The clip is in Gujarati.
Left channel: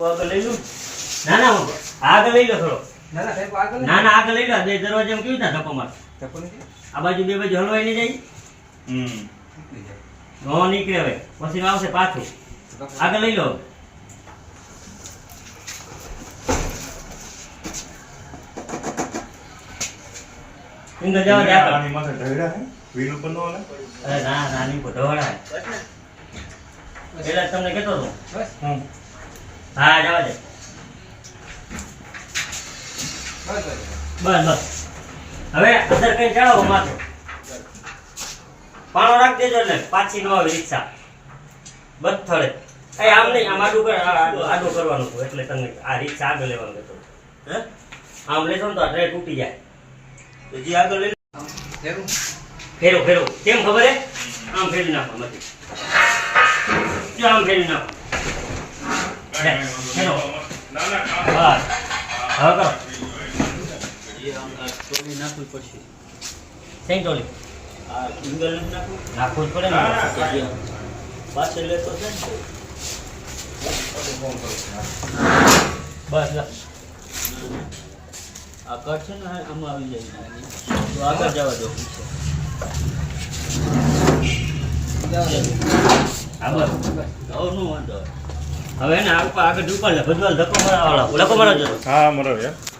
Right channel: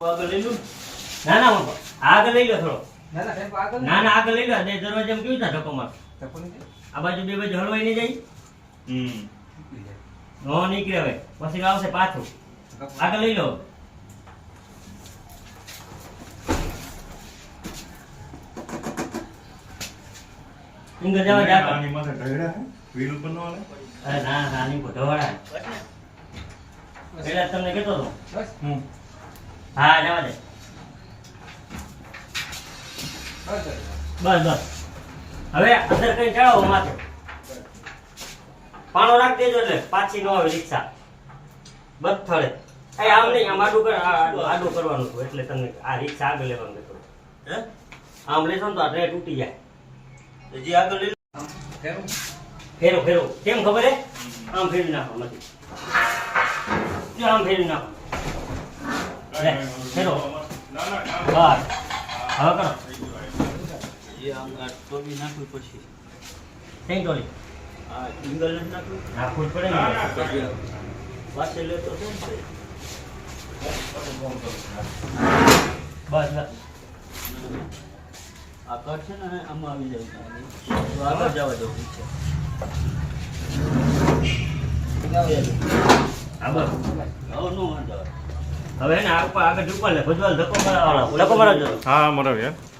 આગળ લઈ લઉં ના ના આગળ લઈ લો થોડો ના ના સાહેબ આગળ ના ના આગળ લઈ લો બે દરવાજામાં કેવી રીતે ધક્કો માર આ બાજુ બે બાજુ હળવાઈ નહીં જાય નો નીકળે હવે પછી આવશે પાછું આગળ લઈ લો ઇંગ જવા દે આની માથે ઢળ્યા હે વ્હીલ ઉપર નો હાલે અરે ના નાની કો ઢવાડા એટલે તમને કહેતો હતો બસ હા જવા દે બસ બસ બસ હવે અંદર કઈ ચડાવો માથે પાણો રાખી દેજો એટલે પાછી ન આવે રિક્ષા બસ થળે આમ નહીં આમ આડું કર આડું કરવાનું હતું એટલે તમે આ રિક્ષા આગળ લેવાનું કહેતો હે આમ લેશો ને તો આ ટ્રે તૂટી જાય તો જે આગળ લઈ જરૂર ફેરો ફેરો કેમ ખબર હે આમ ફેરવી નાખો નથી જો આમ ફેરવી નાખો ફેરો ના ના બસ હવે કરો ટોલી નાખવી પડશે કઈ ટોલી આ સિંગલ નાખવું જ પડે ને પાસે લેતો છે ને બસ બસ આ કટ છે ને આમાં આવી જાય તો આગળ જવા દો હા બસ હવે નો વાંધો હવે ને આગળ ઉપર લે ભજવાલ ધક્કો મારવાળા ધક્કો મારવા જતો હા મરાવ યાર